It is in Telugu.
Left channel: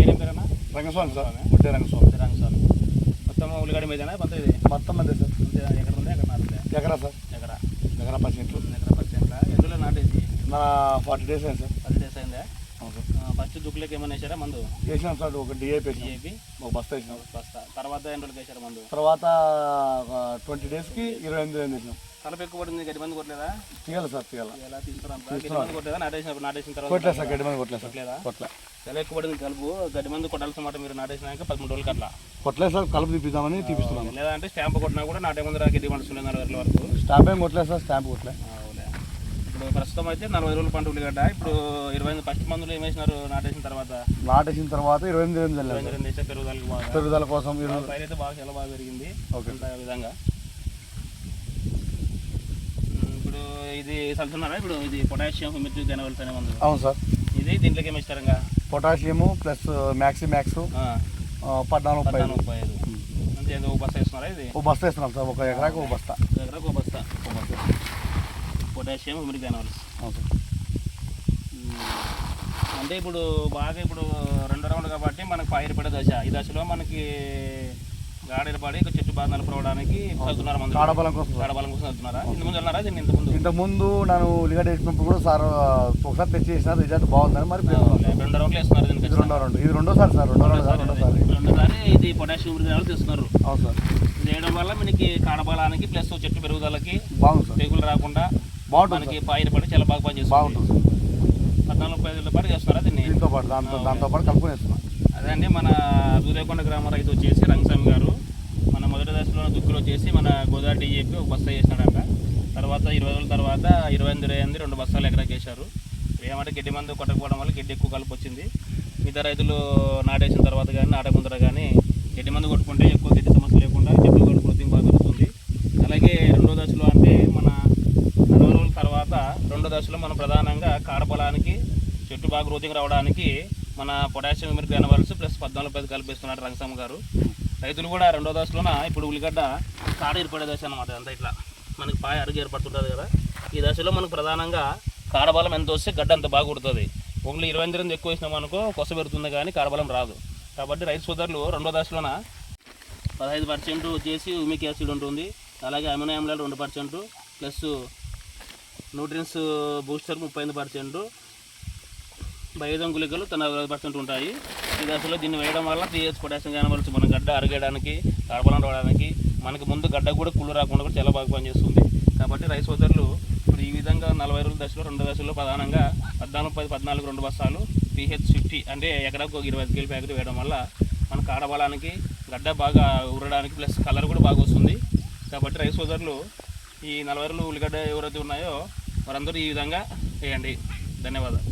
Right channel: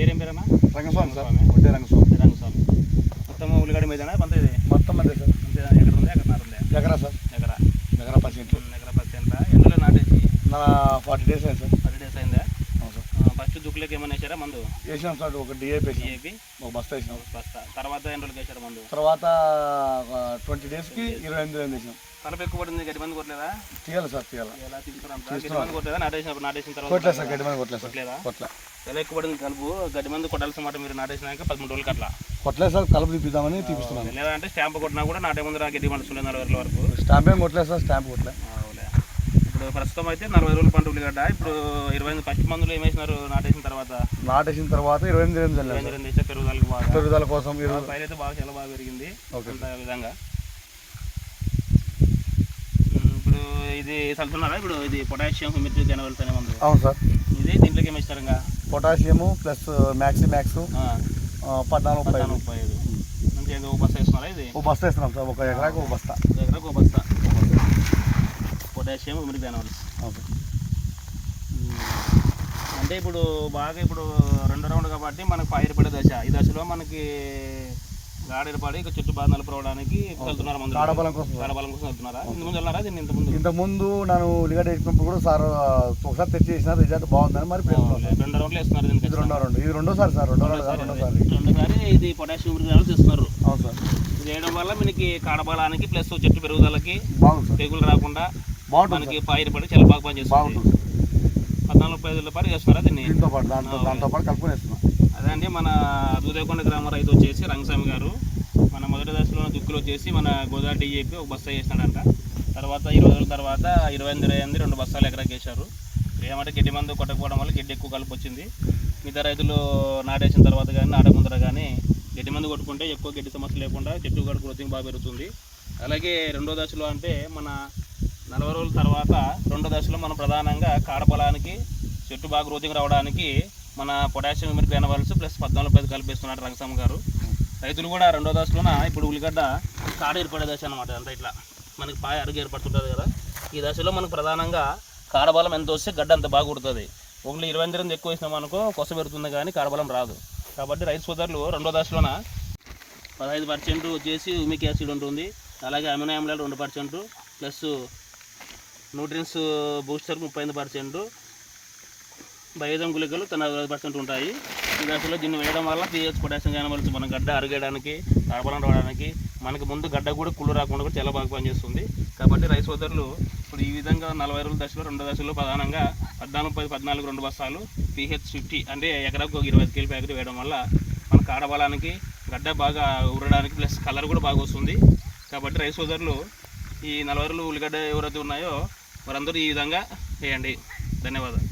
పేరేం పేరన్నా? రంగస్వామి సార్, ఒడ్డే రంగస్వామి. రంగస్వామి. మొత్తం ఉల్లిగడ్డ మీదనా పంత ఇది? మొత్తం అదే సార్. అంతే ఎకర ఉంది, ఎకరన్నర ఉంది? ఎకరా సార్, ఎకరా. ఎకరా 10 సెంట్లు. ఎకరా 10 సెంట్ల. ఎందులో నాటేసి? నా 40 డేస్ అయింది సార్. 10 డేస్ అయిందా? అవును సార్. ఫస్ట్ దుక్కులకి ఏమైనా వేసారా మందు? వేసినాం సార్, ఒక డిఏపి డిఏపి ఒక బస్తా వేసినాం. బస్తా. తర్వాత ఎన్ని రోజులకి వేసారు మందు? తర్వాత 20 డేస్కి 28 రోజులు వేసినాం. కలప ఎక్కువ పడింది, గడ్డి మంది కొట్టలేదా? తీయాలి సార్, తీయాలి. ఎలా తీసుకురాం కొట్టలేదా? నాటేసిన తర్వాత కొట్టలేదు సార్, గడ్డి మంది కొట్టలేదు సార్. కొట్టలేదా? కొట్టలే. ఎలా ఎక్కువ పడింది కలుపు? గడ్డి మంది కొట్టాల్సిన మాట మీరు నాటేసినాక 13 రోజులకి అట్లా కొట్టలేదు సార్, కలుపు తీపిద్దామని తీపిస్తున్నాను. లేదా అంటే స్టాంప్ కొట్టినా కూడా నాటే ముందు గడ్డి మండుతుంది 40 రోజుల వరకు. స్టాంప్ ఏం కొట్టలేదు సార్, స్టాంప్ కొట్టలేదు. ఇప్పుడు ప్రస్తుతం అయితే 40 రోజుల పంట ఉల్లిగడ్డ. ఇప్పుడు 20 ఫస్ట్ మందులు ఏం వేసినారు నాటేసిన తర్వాత? 28 రోజులు వేసే పెరుగుదల కోసం పైన అయితే బాగా చాలా బాగా పెరిగింది. అంత విధంగా ఇప్పుడు ఇది చల్లుతున్నారా? ఇప్పుడు ఇది పొటాషియం హ్యూమిడిటీ గెనవల్స్ అనే మందు. అవును సార్. ఇది దీంట్లోకి ఏమి ఇస్తారు? ఇంకా పొటాషియము ప్లస్ మ్యాక్స్ 14-35 మంచి ఒక బస్తా వేస్తున్నారా? ఇది ఒక బస్తా వేస్తున్నాం సార్, ఒక ఎకరాకు ఒక బస్తా. ఎకరాకు ఒక బస్తా పొటాషియం హ్యూమిడిటీ గెనవల్స్. అంటే ఇప్పుడు బాగా ఇప్పుడు 2వ రౌండ్ కాబట్టి మనకు పైరు పడే దశ. ఈ దశలో మనకి గాడీలు పడి చెట్టు బాగా నలుపుకోవడానికి వెళ్తున్నారు మందు. కాడబలం కోసం వెళ్తున్నారా? ఇంతకుముందు వెళ్ళారా? దీన్ని ఇంతకుముందు నేను ఉల్లిగడ్డ వేసినప్పుడు కూడా సార్ ఒకసారి తెచ్చి వేసిన రిజల్ట్ బాగుందని మరి 2 రౌండ్లు వేస్తున్నారు. ఇది రెండోసారి సార్, రెండోసారి ఇది పొటాషియం హ్యూమిడిటీ తెస్తున్నారు. అవును సార్. ఇది వేయడం వల్ల మనకి కాడబలానికి ప్లస్ చెట్టు పెరుగుదలకి బాగుంది సార్, తెగులు రాకుండా బాగుంటుంది. మనకి పైరు పడి చాలా బాగా పనిచేస్తుంది. బాగుంటుంది. 14-15 రోజుల పాటు చేస్తున్నారా దీన్ని? దీంతో పాటు దాంతో పాటు కలుపుకొని వేస్తున్నాం. అదే అండి, మన దూదేకొండ గ్రామ రైతు వచ్చేసి రంగస్వామి గారు మన మొదటి దశలో దుక్కులు వచ్చేసి మన గోదావరి డిఏపి ఒక బస్తా వేసినాడంట. తర్వాత 20 రోజుల తర్వాత 28 2 బస్తాలు ఎకరాకి వేశారు. ఏమంటే గడ్డి మందు కొట్టకపోవడం వల్ల గడ్డి ఎక్కువ కలుపు వచ్చింది. మిగతా రైతులు నాటేసిన తర్వాత కానీ నాటకుందర కానీ గడ్డి మందు కొట్టుకుంటే ఎక్కువ గడ్డి సమస్య లేకుండా చెట్టు కూడా గ్రోతింగ్ బాగా పెరుగుతుంది. అలాగే 2వ దశలో అంటే మన 40 రోజుల తర్వాత 2వ దశలో మనం ప్రధానంగా కాడబలానికి చెట్టు బాగా గ్రోతింగ్ రావడానికి మన పొటాషియం హ్యూమిడిటీ గెనవల్స్ ప్లస్ 14-15 కలిపేస్తున్నారు రంగస్వామి గారు. రైతులు కూడా 2వ దశలోన ఇప్పుడు ఉల్లిగడ్డ కాడ ఏర్పడే దశ అనమాట. అంతా ఇట్లా మనకి పాయ అరుగు ఏర్పడుతుంటుంది కదా. ఈ దశలో మనకు ప్రధానంగా కాడబలం ఎంత వస్తే గడ్డ అంత బాగా కుడుతుంది. ఓన్లీ 28 ఎక్కువ వేసినాం అనుకో కొస పెడుతుంది కానీ కాడబలం రాదు. కాబట్టి రైతు సోదరులు 2వ దశలోన 15% వచ్చేసి హ్యూమిక్ యాసిడ్ ఉంటుంది. అలాగే అమినో ఆమ్లాలు 2% ప్లస్ న్యూట్రియన్స్ బూస్టర్ 35%, బయోజం గుళికలు 40% ఉంటాయి. ఈ దశలో దీన్ని వేయడం వల్ల 3H పొటాషియం గెనవల్స్ మన గడ్డ అరుగడానికి కాడబలం రావడానికి మనకి ముందు గడ్డ కూడా కుళ్ళు రాకుండా కూడా చాలా బాగా పనిచేస్తుంది. కాబట్టి రైతు సోదరులు ఇప్పుడు ఈ విధంగా 40 రోజుల దశలో 2వ దశలో ప్రధానంగా 14-14 2 బస్తాలు PH50 అంటే ఎకరాకు 25 కేజీ ప్యాకెట్ వేయడం వల్ల మన కాడబలానికి గడ్డ బాగా ఉరడానికి ప్లస్ కలర్ కూడా బాగా వస్తుంది. కాబట్టి రైతు సోదరులు ఈ 40 రోజులు ఉల్లిగడ్డ ఎవరైతే ఉన్నాయో వారందరూ ఈ విధంగా వేయండి. ధన్యవాదాలు.